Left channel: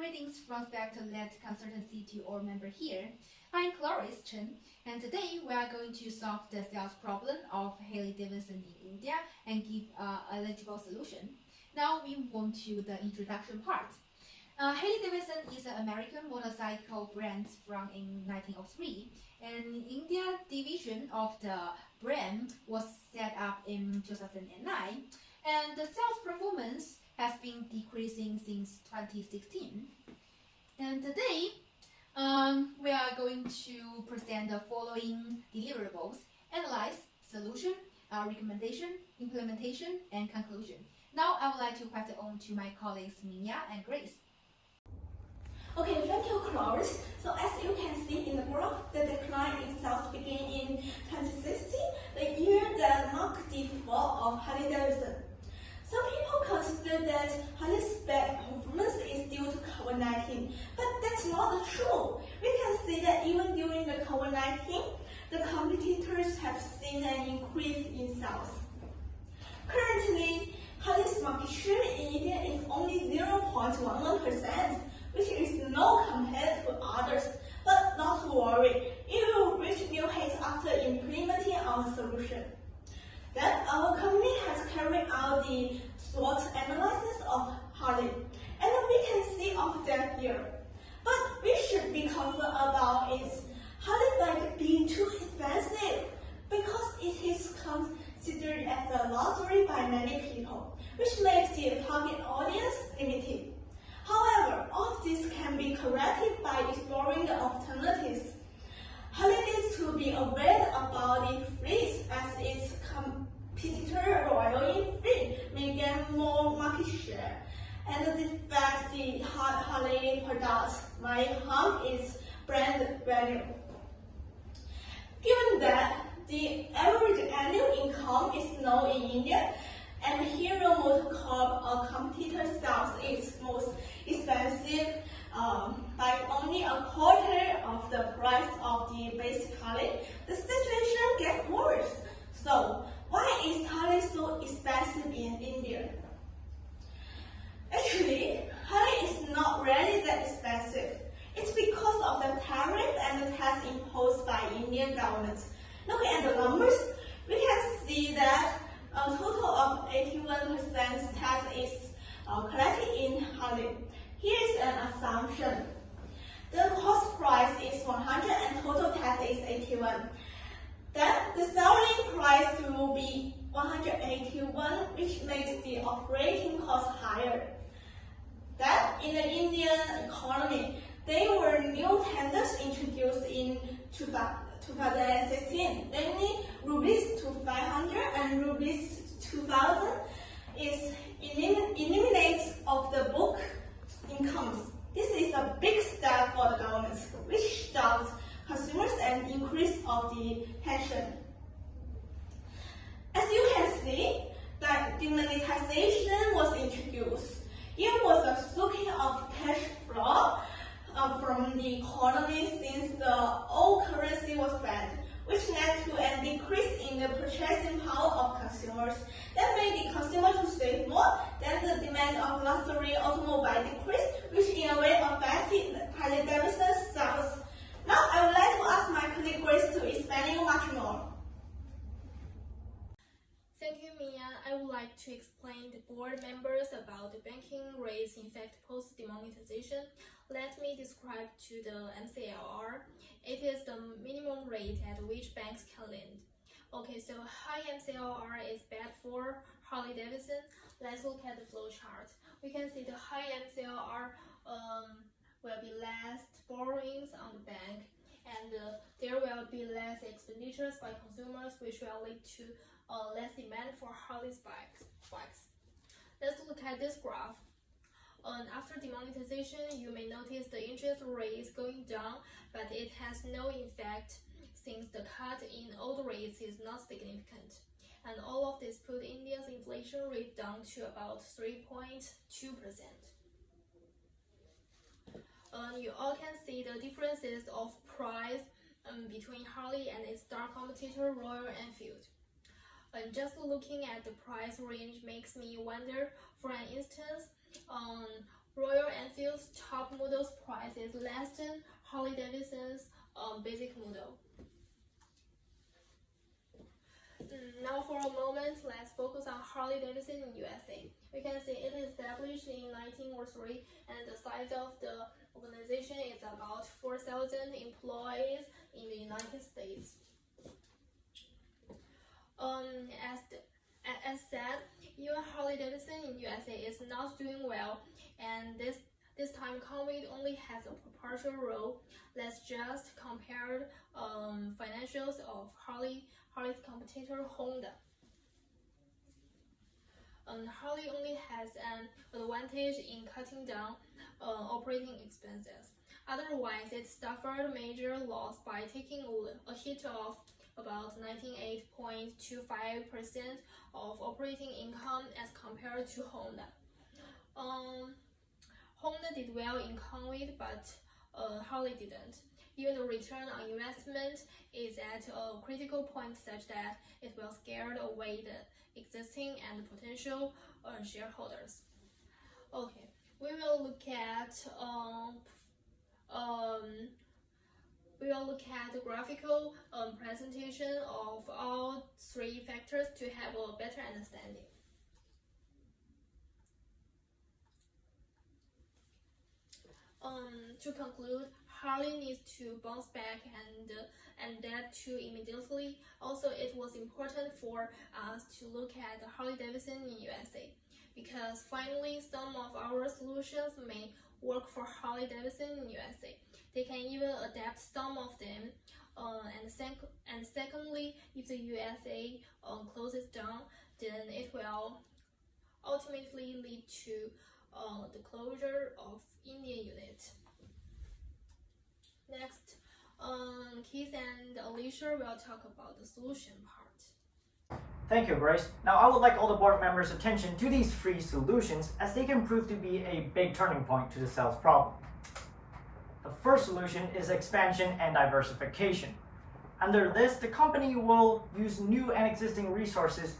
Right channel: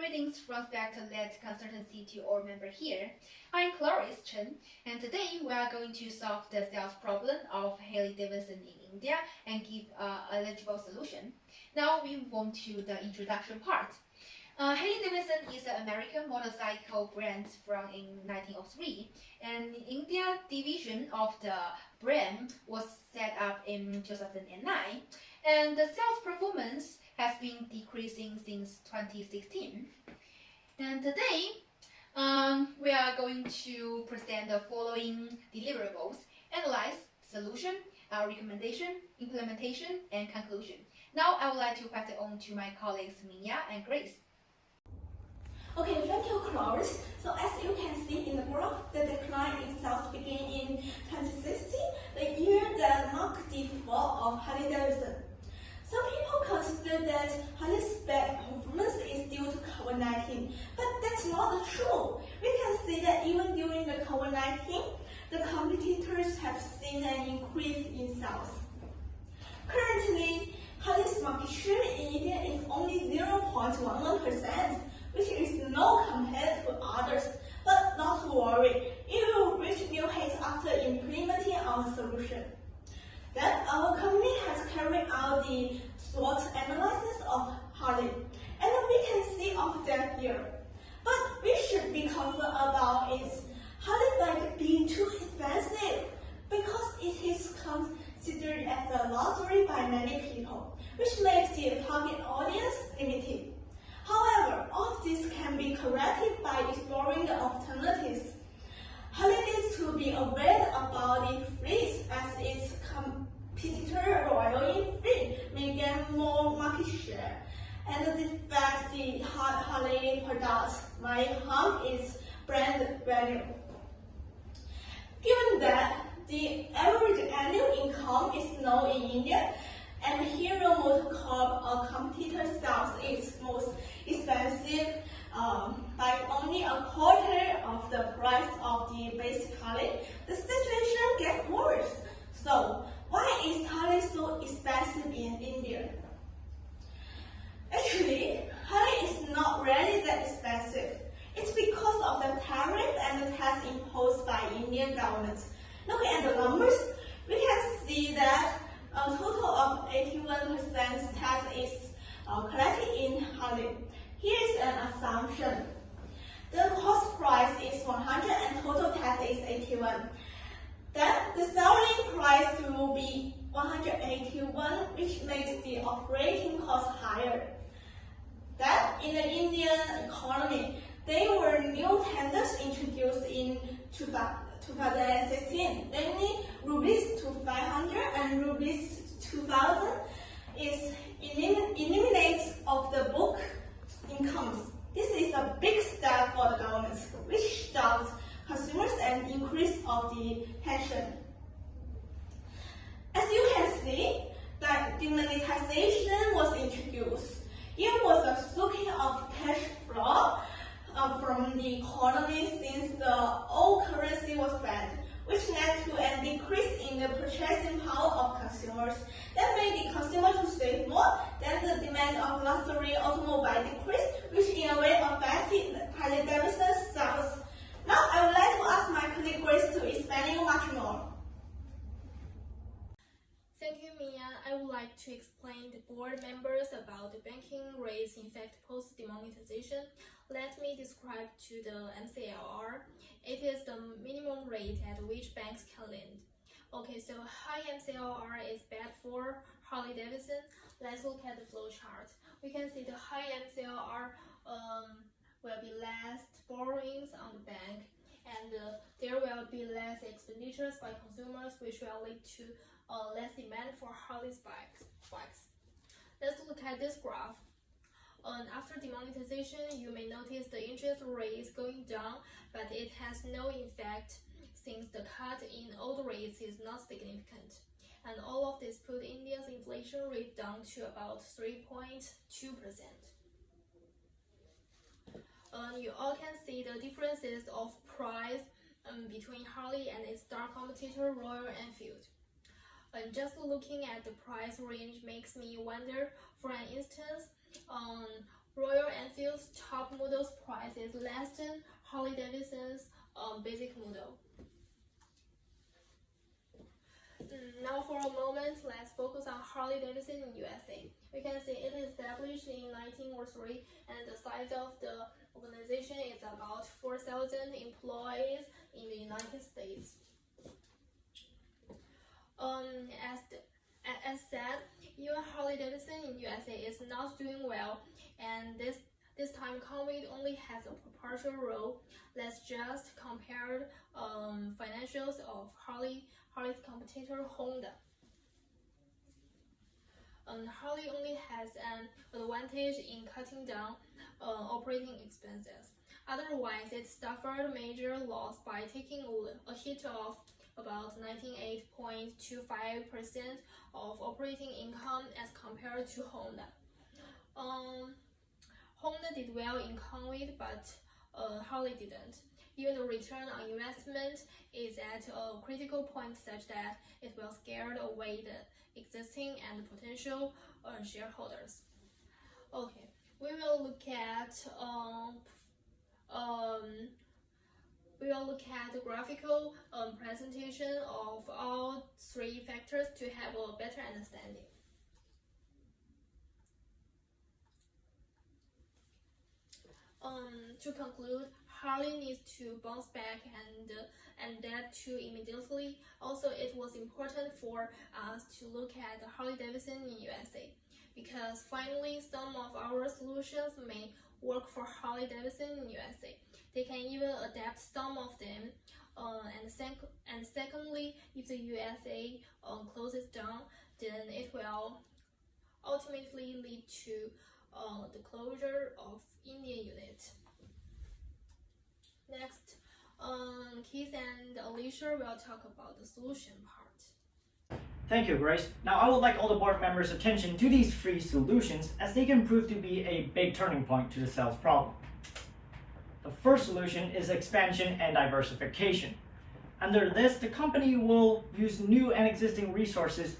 greetings from Spectre-led consultancy to all members here. I'm Class8, and today we are going to solve the sales problem of Harley-Davidson in India and give an eligible solution. Now we move on to the introduction part. Harley-Davidson is an American motorcycle brand from in 1903, and India division of the brand was set up in 2009, and the sales performance has been decreasing since 2016. And today, we are going to present the following deliverables: analyze, solution, recommendation, implementation, and conclusion. Now I would like to pass it on to my colleagues Mia and Grace. Okay, thank you, Clarice. So as you can see in the graph, the decline in sales began in 2016, the year that marked the fall of Harley-Davidson. Some people consider that Harley's bad performance is due to COVID-19, but that's not true. We can see that even during the COVID-19, the competitors have seen an increase in sales. Currently, Harley's market share in India is only 0.11%, which is low compared to others, but not to worry, it will reach new heights after implementing our solution. Then our company has carried out the SWOT analysis of Harley, and we can see of them here. But we should be concerned about is Harley bike being too expensive, because it is considered as a luxury by many people, which makes the target audience limited. However, all of this can be corrected by exploring the alternatives. Harley needs to be aware about the fleets as its competitor Royal Enfield may gain more market share, and the fact the Harley products might harm its brand value. Given that the average annual income is low in India, and Hero Motorcorp, a competitor, sells its most expensive by only a quarter of the price of the basic Harley, the situation gets worse. So, why is Harley so expensive in India? Actually, Harley is not really that expensive. It's because of the tariff and the tax imposed by Indian government. Looking at the numbers, we can see that a total of 81% tax is collected in Harley. Here is an assumption. The cost price is 100 and total tax is 81. Then the selling price will be 181, which makes the operating cost higher. Then in the Indian economy, there were new tenders introduced in 2016, namely rupees 500 and rupees 2000 is eliminates of the book incomes. This is a big step for the government, which stops consumers and increase of the tension. As you can see, that demonetization was introduced. It was a sucking of cash flow from the economy since the old currency was banned, which led to a decrease in the purchasing power of consumers. That made the consumer to save more, then the demand of luxury automobile decreased, which in a way affected Harley-Davidson's sales. Now I would like to ask my colleague Grace to explain you much more. Thank you, Mia. I would like to explain the board members about the banking rates in fact post-demonetization. Let me describe to the MCLR. It is the minimum rate at which banks can lend. Okay, so high MCLR is bad for Harley-Davidson. Let's look at the flow chart. We can see the high MCLR will be less borrowings on the bank, and there will be less expenditures by consumers, which will lead to less demand for Harley's bikes. Let's look at this graph. After demonetization, you may notice the interest rate is going down, but it has no effect since the cut in old rates is not significant. And all of this put India's inflation rate down to about 3.2%. You all can see the differences of price between Harley and its star competitor Royal Enfield. Just looking at the price range makes me wonder. For an instance, Royal Enfield's top model's price is less than Harley-Davidson's basic model. Now for a moment, let's focus on Harley-Davidson in USA. We can see it is established in 1903 and the size of the organization is about 4,000 employees in the United States. As said, even Harley-Davidson in USA is not doing well, and this time COVID only has a partial role. Let's just compare financials of Harley's competitor Honda. Harley only has an advantage in cutting down operating expenses. Otherwise, it suffered major loss by taking a hit of about 98.25% of operating income as compared to Honda. Honda did well in COVID, but Harley didn't. Even the return on investment is at a critical point such that it will scare away the existing and potential shareholders. Okay, we will look at the graphical presentation of all three factors to have a better understanding. To conclude, Harley needs to bounce back and that too immediately. Also, it was important for us to look at Harley-Davidson in USA because finally some of our solutions may work for Harley-Davidson in USA. They can even adapt some of them. And secondly, if the USA closes down, then it will ultimately lead to the closure of Indian unit. Next, Keith and Alicia will talk about the solution part. Thank you, Grace. Now I would like all the board members' attention to these three solutions as they can prove to be a big turning point to the sales problem. The first solution is expansion and diversification. Under this, the company will use new and existing resources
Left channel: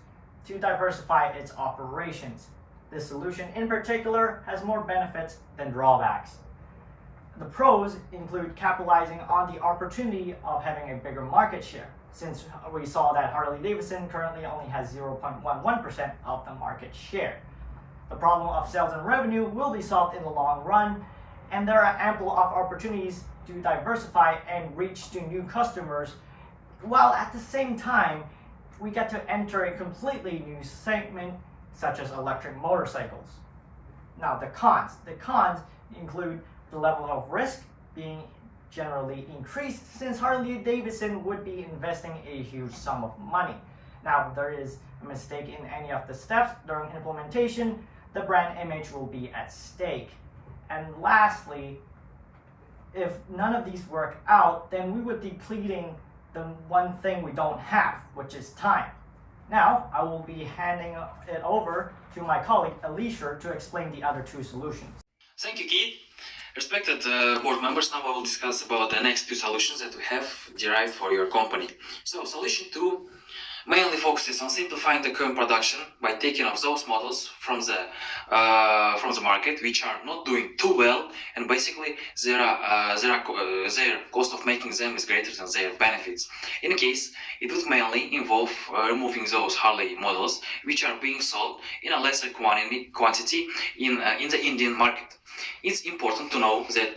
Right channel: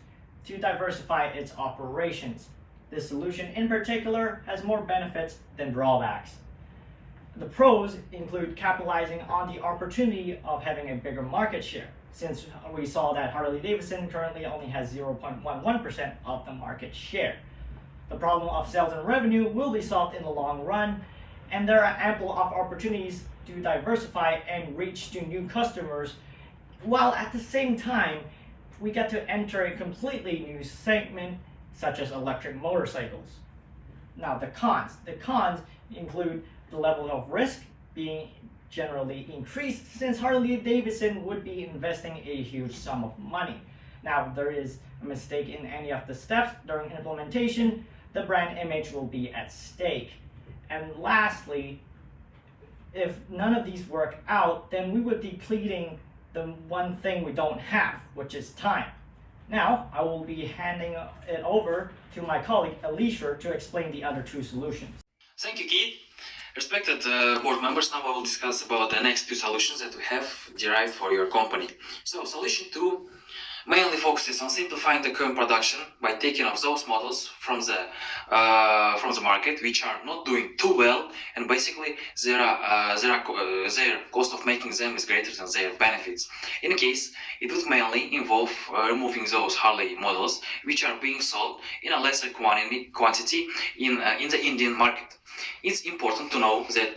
to diversify its operations. This solution in particular has more benefits than drawbacks. The pros include capitalizing on the opportunity of having a bigger market share, since we saw that Harley-Davidson currently only has 0.11% of the market share. The problem of sales and revenue will be solved in the long run, and there are ample of opportunities to diversify and reach to new customers, while at the same time, we get to enter a completely new segment such as electric motorcycles. Now the cons include the level of risk being generally increased since Harley-Davidson would be investing a huge sum of money. Now if there is a mistake in any of the steps during implementation, the brand image will be at stake. And lastly, if none of these work out, then we would be depleting the one thing we don't have, which is time. Now, I will be handing it over to my colleague Alicia to explain the other two solutions. Thank you, Keith. Respected board members, now I will discuss about the next two solutions that we have derived for your company. So, solution 2 mainly focuses on simplifying the current production by taking off those models from the market which are not doing too well, and basically their cost of making them is greater than their benefits. In a case, it would mainly involve removing those Harley models which are being sold in a lesser quantity in the Indian market. It's important to know that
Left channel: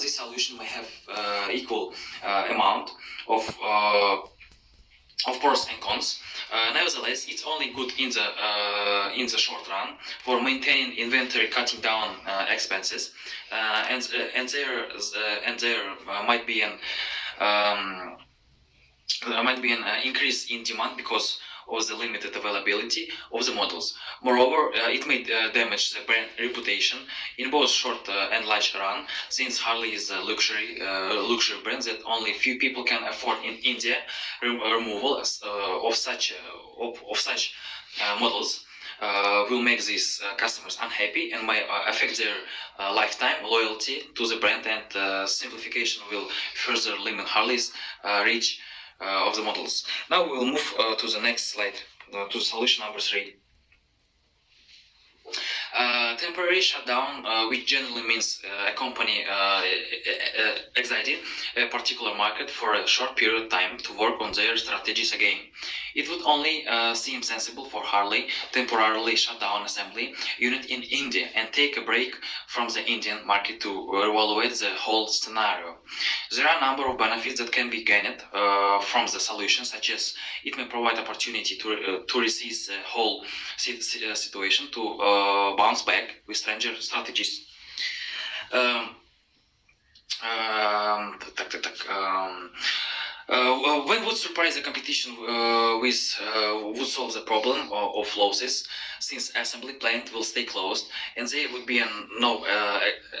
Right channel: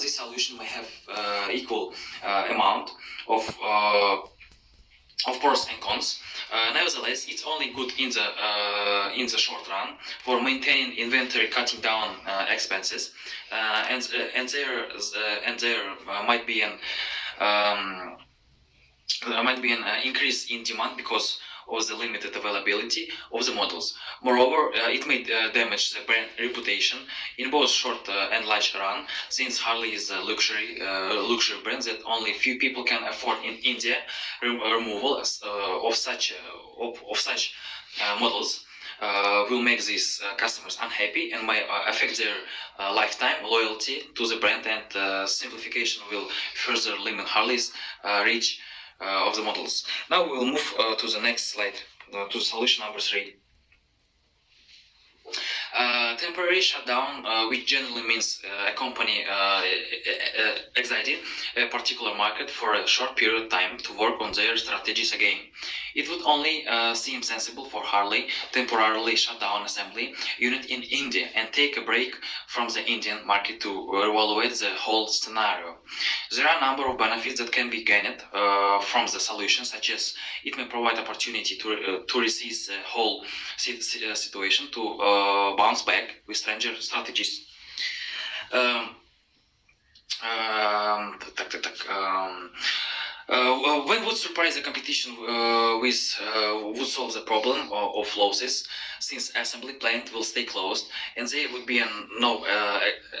this solution may have equal amount of pros and cons. Nevertheless, it's only good in the short run for maintaining inventory, cutting down expenses, and there might be an increase in demand because of the limited availability of the models. Moreover, it may damage the brand reputation in both short and large run, since Harley is a luxury brand that only few people can afford in India. Removal of such models will make these customers unhappy and may affect their lifetime loyalty to the brand, and simplification will further limit Harley's reach of the models. Now we will move to the next slide, to solution number 3. Temporary shutdown, which generally means a company exited a particular market for a short period of time to work on their strategies again. It would only seem sensible for Harley temporarily shut down assembly unit in India and take a break from the Indian market to evaluate the whole scenario. There are a number of benefits that can be gained from the solution, such as it may provide opportunity to resist the whole situation, to bounce back with stranger strategies. When would surprise the competition would solve the problem of losses, since assembly plant will stay closed and there would be no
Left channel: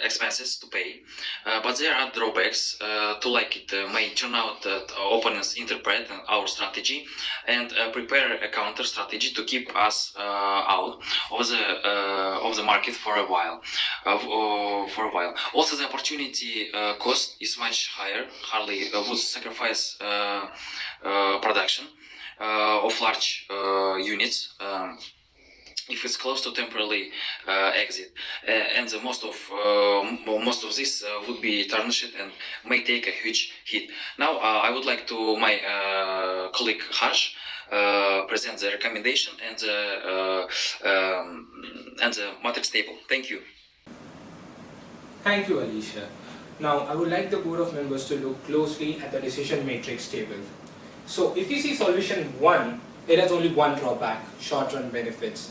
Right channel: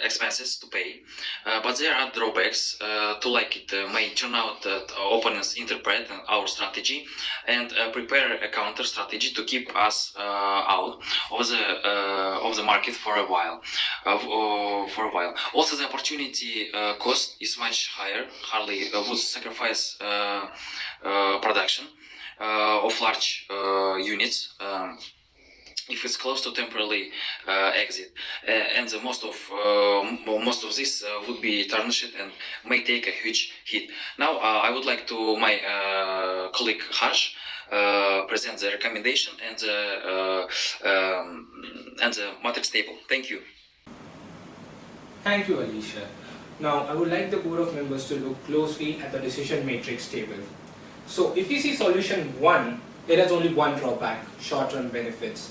expenses to pay. But there are drawbacks to like it may turn out that opponents interpret our strategy and prepare a counter strategy to keep us out of the market for a while. Also, the opportunity cost is much higher. Harley would sacrifice production of large units if it's close to temporarily exit, and the most of this would be tarnished and may take a huge hit. Now I would like to my colleague Harsh present the recommendation and the matrix table. Thank you. Thank you, Alicia. Now, I would like the board of members to look closely at the decision matrix table. So, if you see solution 1, it has only one drawback, short-run benefits.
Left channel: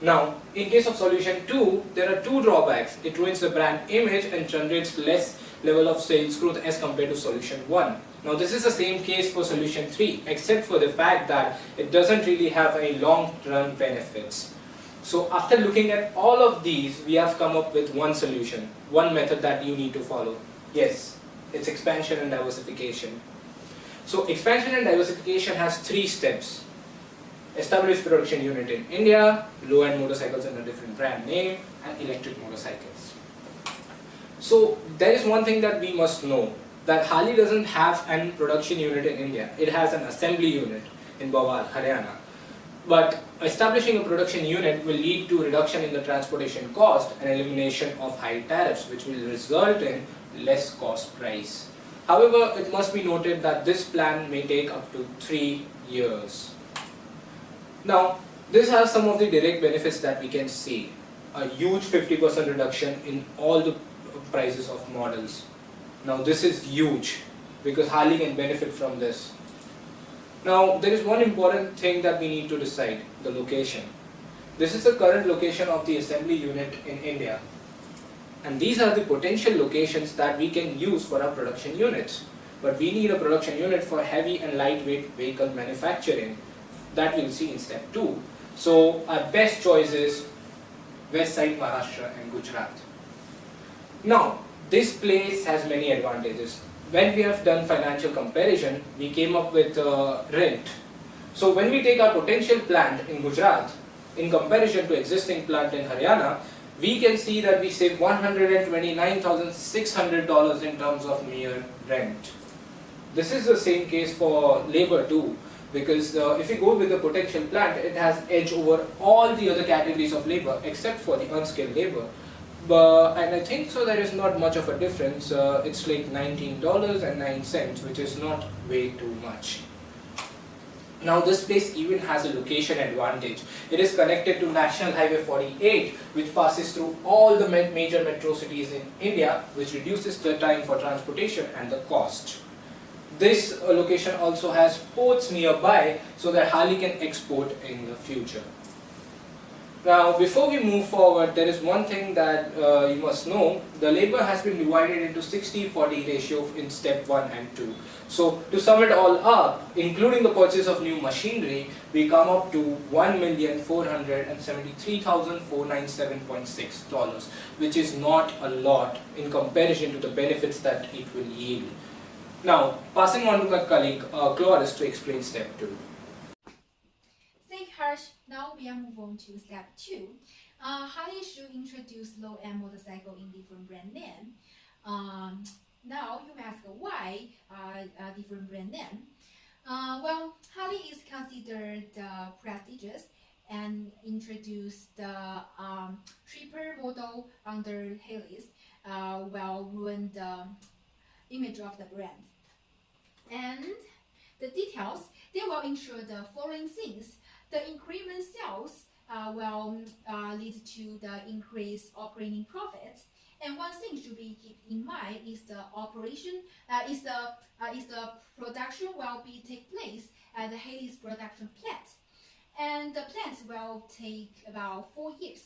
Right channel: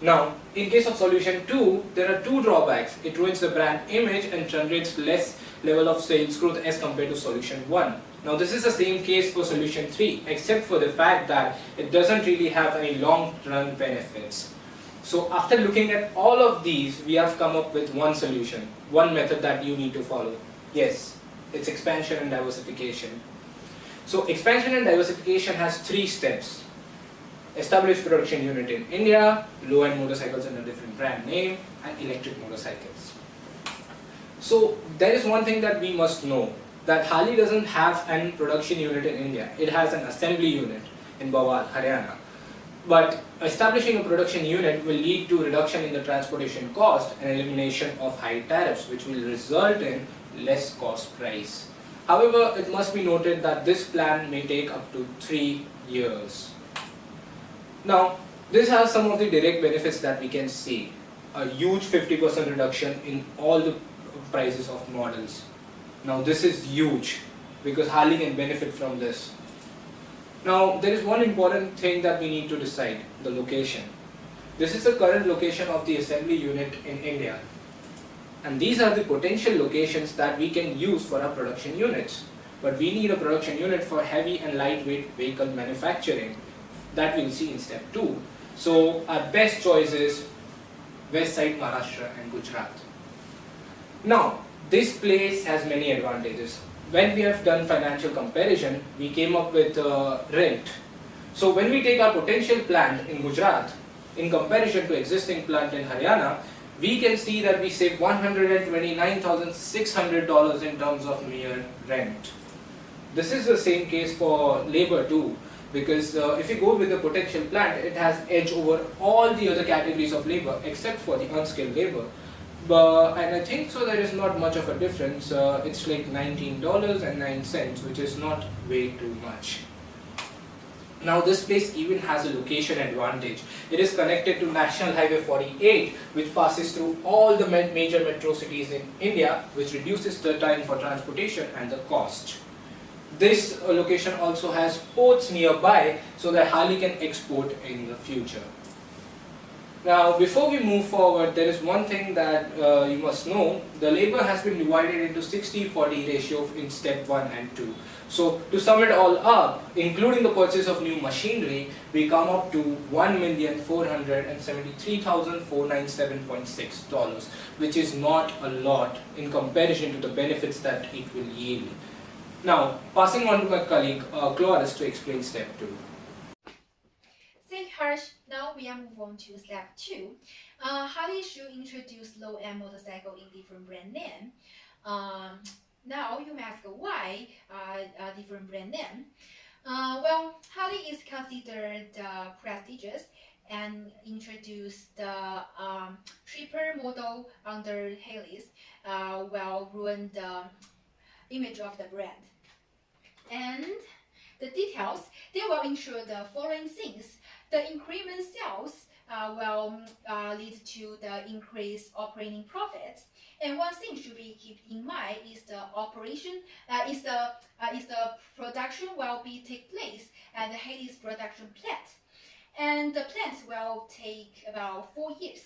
Now, in case of solution 2, there are two drawbacks. It ruins the brand image and generates less level of sales growth as compared to solution 1. Now, this is the same case for solution 3, except for the fact that it doesn't really have any long-run benefits. So after looking at all of these, we have come up with one solution, one method that you need to follow. Yes, it's expansion and diversification. So expansion and diversification has 3 steps. Establish production unit in India, low-end motorcycles in a different brand name, and electric motorcycles. So there is one thing that we must know, that Harley doesn't have an production unit in India. It has an assembly unit in Bawal, Haryana. But establishing a production unit will lead to reduction in the transportation cost and elimination of high tariffs, which will result in less cost price. However, it must be noted that this plan may take up to 3 years. Now, this has some of the direct benefits that we can see. A huge 50% reduction in all the prices of models. Now, this is huge because Harley can benefit from this. Now, there is one important thing that we need to decide, the location. This is the current location of the assembly unit in India. And these are the potential locations that we can use for our production units. But we need a production unit for heavy and lightweight vehicle manufacturing. That we'll see in step 2. So, our best choice is West Side Maharashtra and Gujarat. Now, this place has many advantages. When we have done financial comparison, we came up with rent. So when we take our potential plant in Gujarat, in comparison to existing plant in Haryana, we can see that we save $129,600 in terms of mere rent. This is the same case for labor too, because if you go with the potential plant, it has edge over all the other categories of labor except for the unskilled labor. And I think so there is not much of a difference. It's like $19.09, which is not way too much. Now this place even has a location advantage. It is connected to National Highway 48, which passes through all the major metro cities in India, which reduces the time for transportation and the cost. This location also has ports nearby so that Harley can export in the future. Now, before we move forward, there is one thing that you must know. The labor has been divided into 60-40 ratio in step 1 and 2. So, to sum it all up, including the purchase of new machinery, we come up to $1,473,497.6, which is not a lot in comparison to the benefits that it will yield. Now, passing on to my colleague Cloris to explain step 2. Harsh, now we are move on to step 2. Harley should introduce low-end motorcycle in different brand name. Now you may ask why different brand name. Well, Harley is considered prestigious and introduced the cheaper model under Haley's will ruin the image of the brand. And the details, they will ensure the following things. The increment sales will lead to the increased operating profits. And one thing should be keep in mind is the operation, is the production will be take place at the Haley's production plant. And the plants will take about 4 years.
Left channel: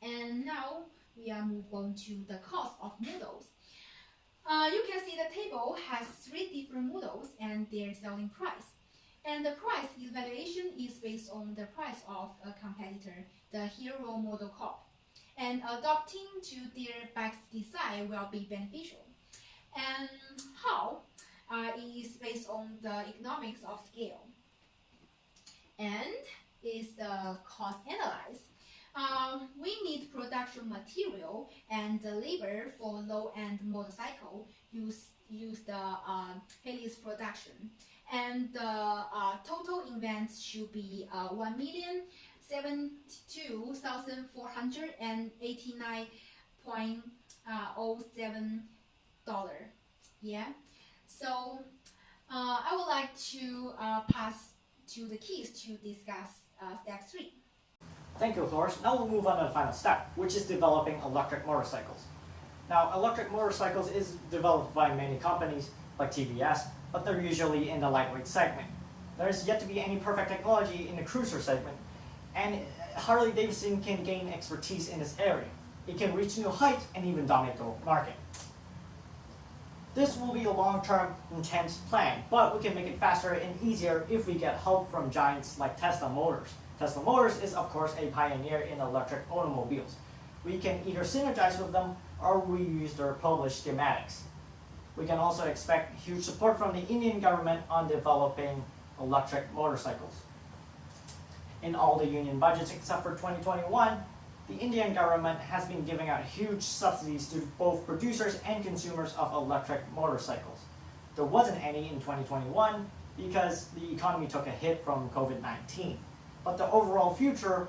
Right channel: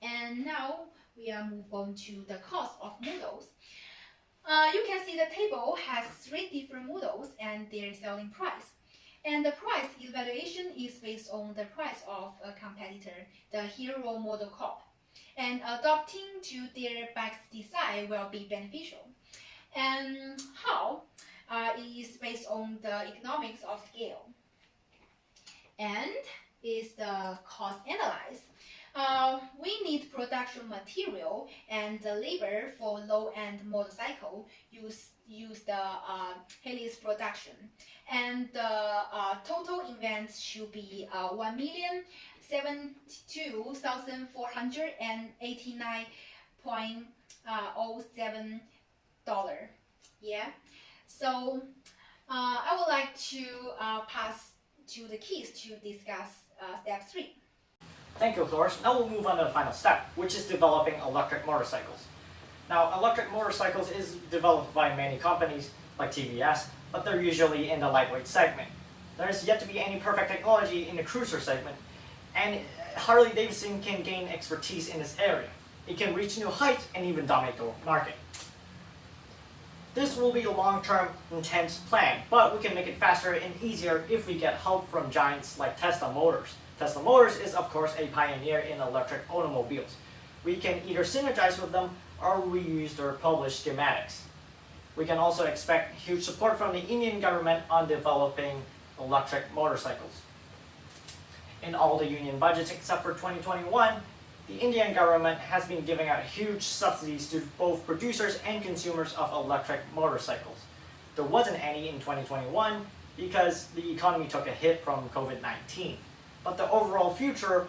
And now we are move on to the cost of models. You can see the table has 3 different models and their selling price. And the price evaluation is based on the price of a competitor, the Hero Model Corp. And adopting to their back design will be beneficial. And how is based on the economics of scale. And is the cost analyzed. We need production material and the labor for low-end motorcycle use the Haley's production. And the total invent should be $1,072,489.07. Yeah. So I would like to pass to the keys to discuss step 3. Thank you, Cloris. Now we'll move on to the final step, which is developing electric motorcycles. Now, electric motorcycles is developed by many companies like TVS, but they're usually in the lightweight segment. There's yet to be any perfect technology in the cruiser segment, and Harley-Davidson can gain expertise in this area. It can reach new heights and even dominate the market. This will be a long-term, intense plan, but we can make it faster and easier if we get help from giants like Tesla Motors. Tesla Motors is, of course, a pioneer in electric automobiles. We can either synergize with them or reuse their published schematics. We can also expect huge support from the Indian government on developing electric motorcycles. In all the union budgets except for 2021, the Indian government has been giving out huge subsidies to both producers and consumers of electric motorcycles. There wasn't any in 2021 because the economy took a hit from COVID-19. But the overall future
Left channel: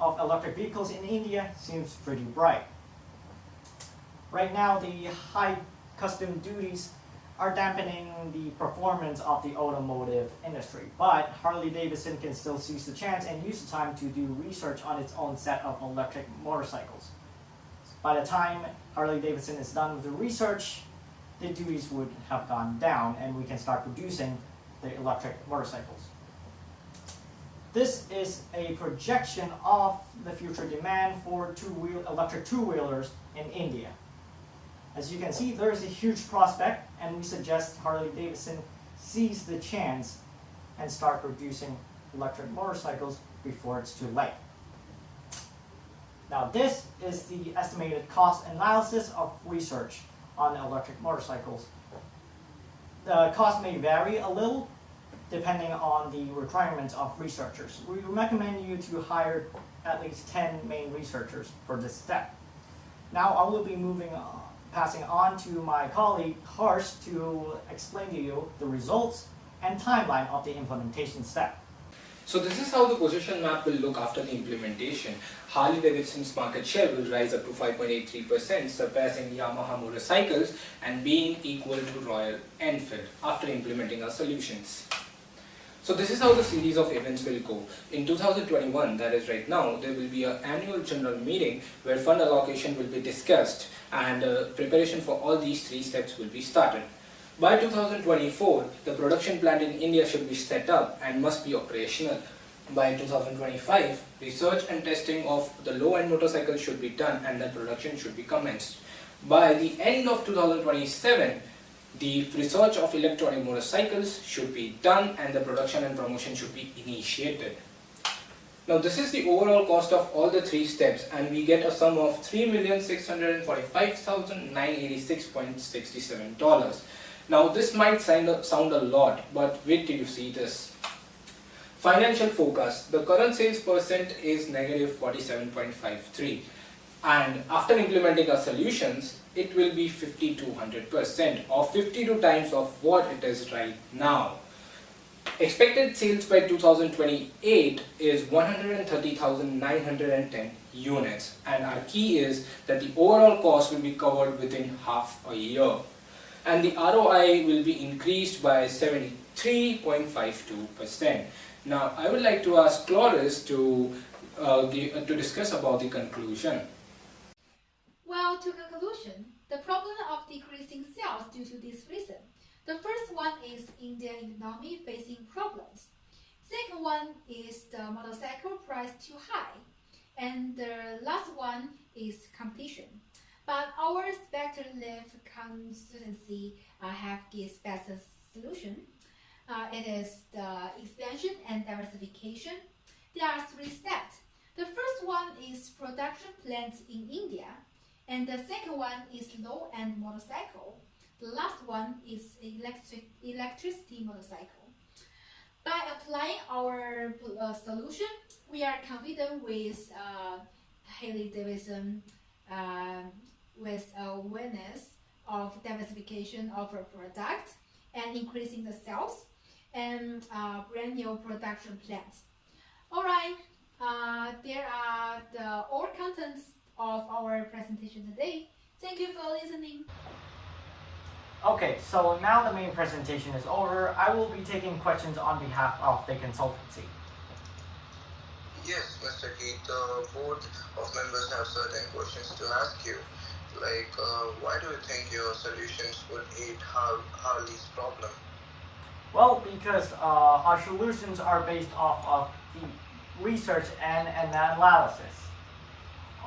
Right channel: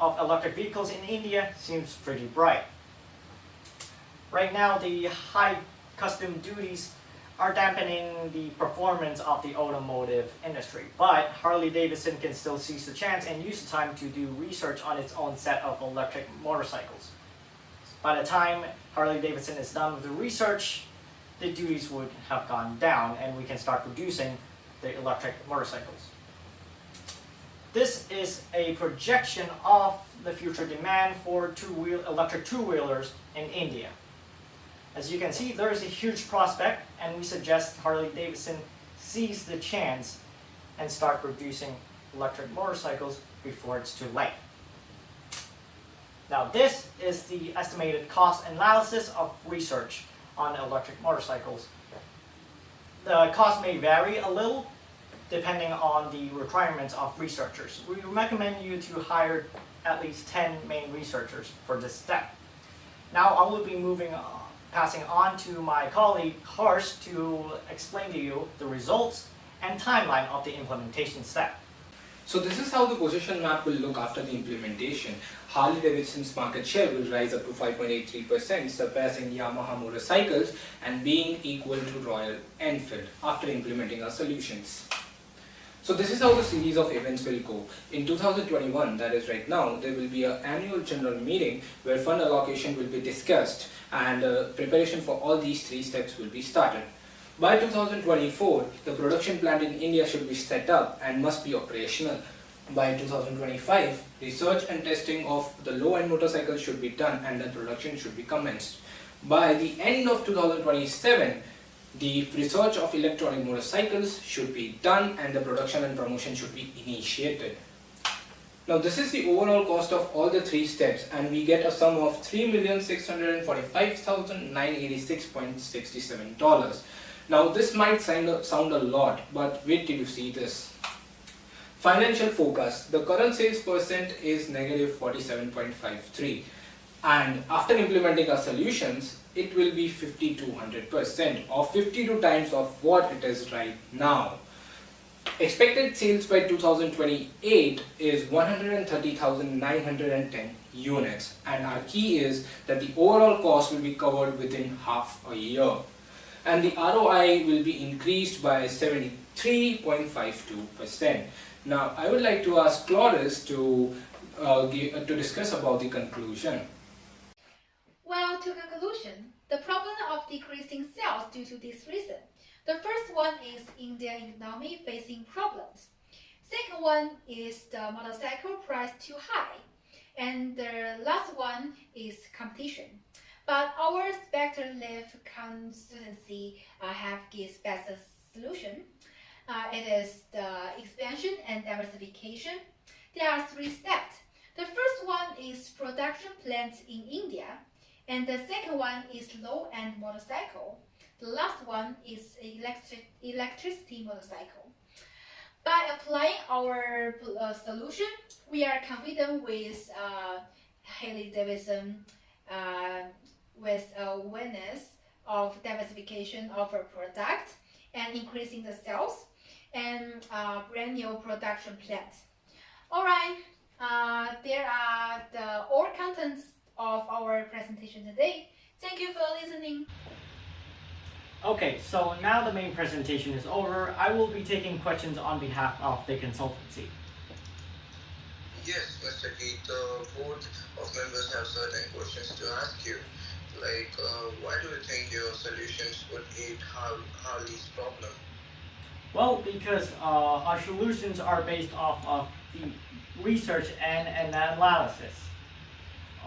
of electric vehicles in India seems pretty bright. Right now, the high custom duties are dampening the performance of the automotive industry, but Harley-Davidson can still seize the chance and use the time to do research on its own set of electric motorcycles. By the time Harley-Davidson is done with the research, the duties would have gone down and we can start producing the electric motorcycles. This is a projection of the future demand for electric two-wheelers in India. As you can see, there is a huge prospect, and we suggest Harley-Davidson seize the chance and start producing electric motorcycles before it's too late. Now, this is the estimated cost analysis of research on electric motorcycles. The cost may vary a little depending on the requirements of researchers. We recommend you to hire at least 10 main researchers for this step. Now, I will be passing on to my colleague Harsh to explain to you the results and timeline of the implementation step. So this is how the position map will look after the implementation. Harley-Davidson's market share will rise up to 5.83%, surpassing Yamaha motorcycles and being equal to Royal Enfield after implementing our solutions. So this is how the series of events will go. In 2021, that is right now, there will be an annual general meeting where fund allocation will be discussed and preparation for all these 3 steps will be started. By 2024, the production plant in India should be set up and must be operational. By 2025, research and testing of the low-end motorcycles should be done and the production should be commenced. By the end of 2027, the research of electronic motorcycles should be done and the production and promotion should be initiated. Now this is the overall cost of all the 3 steps and we get a sum of $3,645,986.67. Now this might sound a lot, but wait till you see this. Financial forecast. The current sales percent is negative 47.53 and after implementing our solutions, it will be 5200% or 52 times of what it is right now. Expected sales by 2028 is 130,910 units, and our key is that the overall cost will be covered within half a year, and the ROI will be increased by 73.52%. Now, I would like to ask Cloris to discuss about the conclusion. Well, to conclusion, the problem of decreasing sales due to this reason. The first one is Indian economy facing problems. Second one is the motorcycle price too high. And the last one is competition. But our speculative consultancy have gives better solution. It is the expansion and diversification. There are 3 steps. The first one is production plants in India, and the second one is low-end motorcycle. The last one is electricity motorcycle. By applying our solution, we are confident with Harley-Davidson with awareness of diversification of our product and increasing the sales and brand new production plant. Alright, there are all contents of our presentation today. Thank you for listening. Okay, so now the main presentation is over. I will be taking questions on behalf of the consultancy. Yes, Mr. Keith, the board of members have certain questions to ask you. Like, why do you think your solutions would aid Harley's problem? Well, because our solutions are based off of the research and analysis.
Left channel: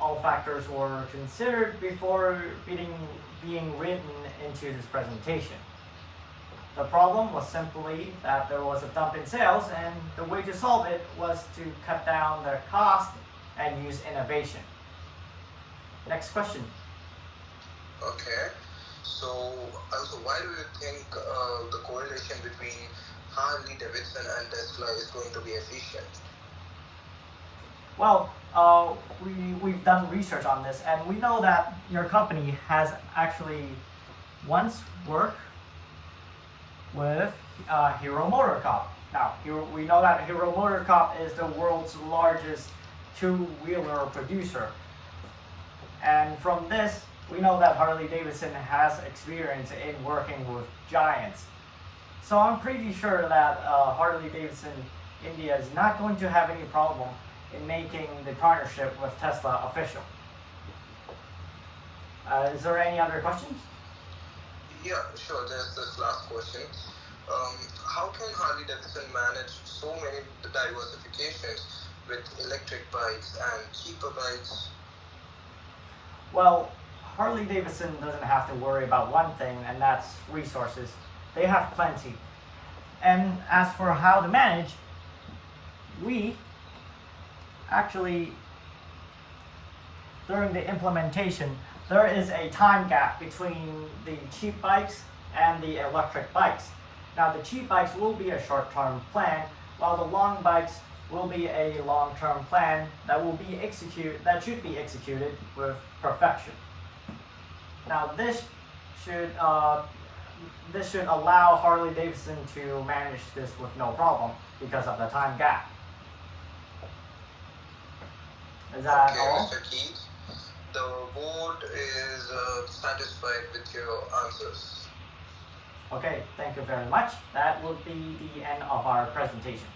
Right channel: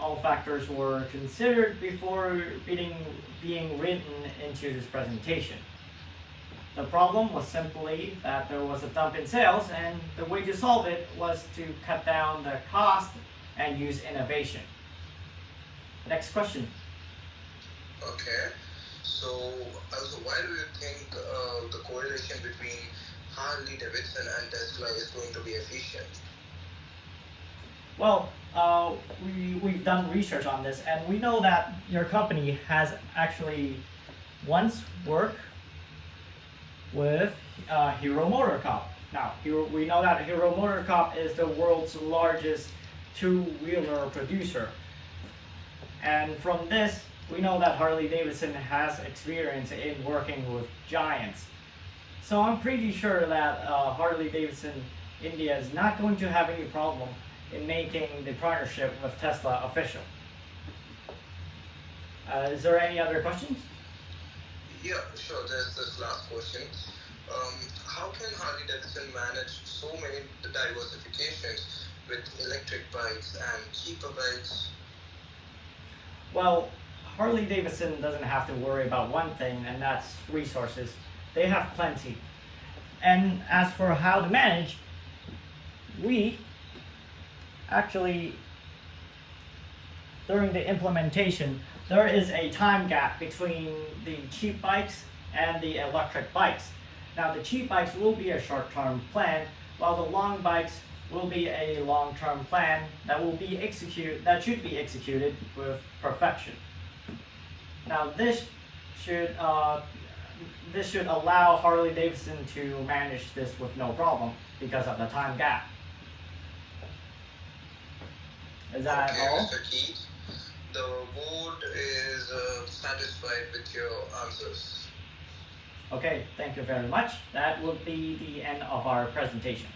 All factors were considered before being written into this presentation. The problem was simply that there was a dump in sales, and the way to solve it was to cut down the cost and use innovation. Next question. Okay, so also why do you think the correlation between Harley-Davidson and Tesla is going to be efficient? Well, we've done research on this, and we know that your company has actually once worked with Hero MotoCorp. Now, we know that Hero MotoCorp is the world's largest two-wheeler producer. And from this, we know that Harley-Davidson has experience in working with giants. So I'm pretty sure that Harley-Davidson India is not going to have any problem in making the partnership with Tesla official. Is there any other questions? Yeah, sure. There's this last question. How can Harley-Davidson manage so many diversifications with electric bikes and cheaper bikes? Well, Harley-Davidson doesn't have to worry about one thing, and that's resources. They have plenty. And as for how to manage, we actually, during the implementation, there is a time gap between the cheap bikes and the electric bikes. Now, the cheap bikes will be a short-term plan, while the long bikes will be a long-term plan that should be executed with perfection. Now, this should allow Harley-Davidson to manage this with no problem because of the time gap. Is that okay, all? Mr. Keith, the board is satisfied with your answers. Okay, thank you very much. That will be the end of our presentation.